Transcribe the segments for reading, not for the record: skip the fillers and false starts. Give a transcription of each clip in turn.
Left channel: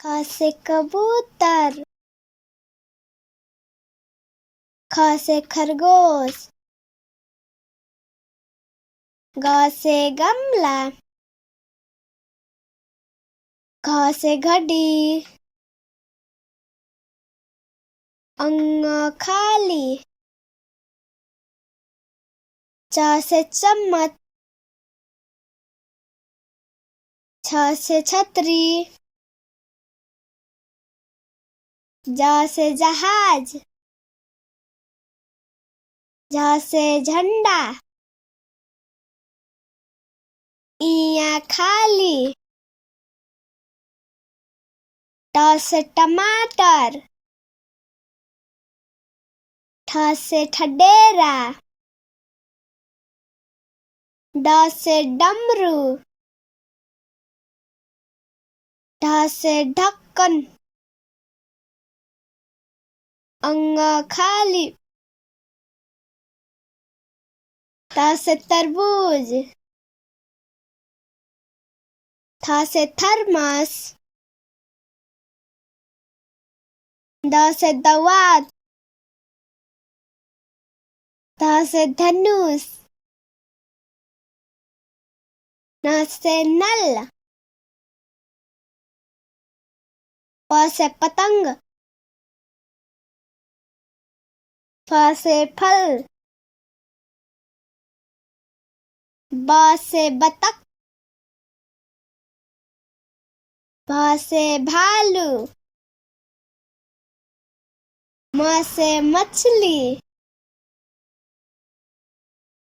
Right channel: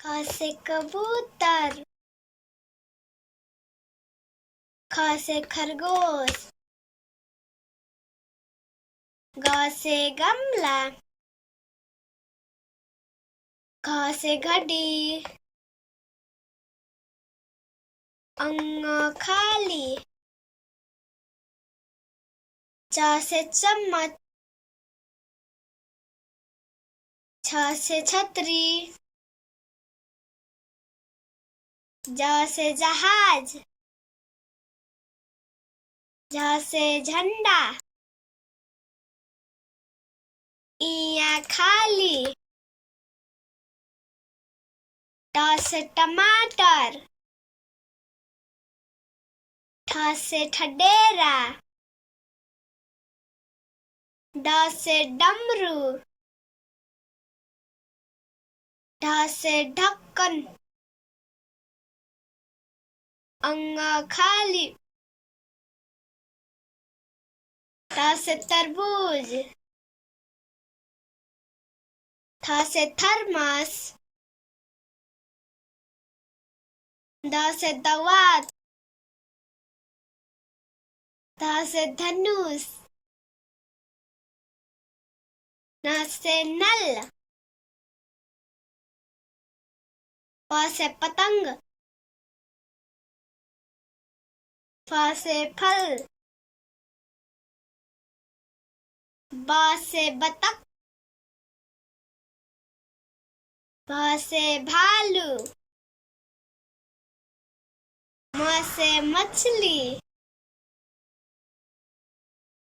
क से कबूतर, ख से खरगोश, ग से गमला, घ से घड़ी, खाली, च से चम्मच, छ से छतरी, ज से जहाज, झ से झंडा, इया खाली, ट से टमाटर, ठ से ठडेरा, ड से डमरू, ढ से ढक्कन, खाली, त से तरबूज, थ से थर्मस, द से दवात, ध से धनुष, न से नल, प से पतंग, फ से फल, ब से बतख, भ से भालू, म से मछली,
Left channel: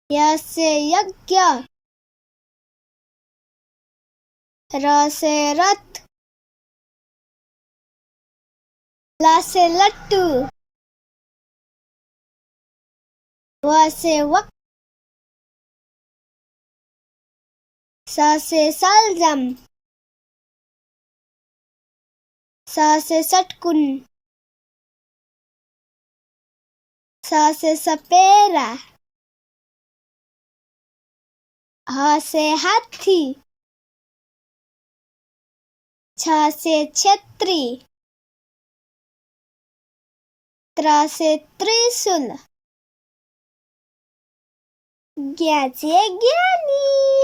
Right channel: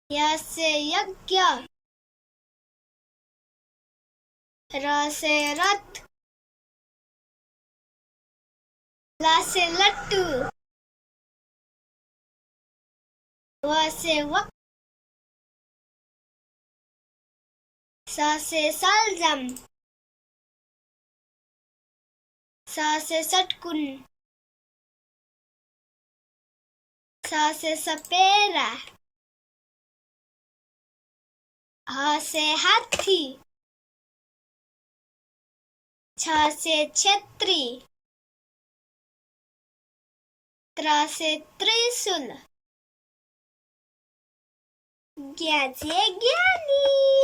य से यज्ञ, र से रथ, ल से लट्टू, व से वक, स से सलजम, स से सटकुन, स से सपेरा, ह से हाथी, छ से छतरी, त्र से त्रिशूल, ज्ञ से ज्ञानी।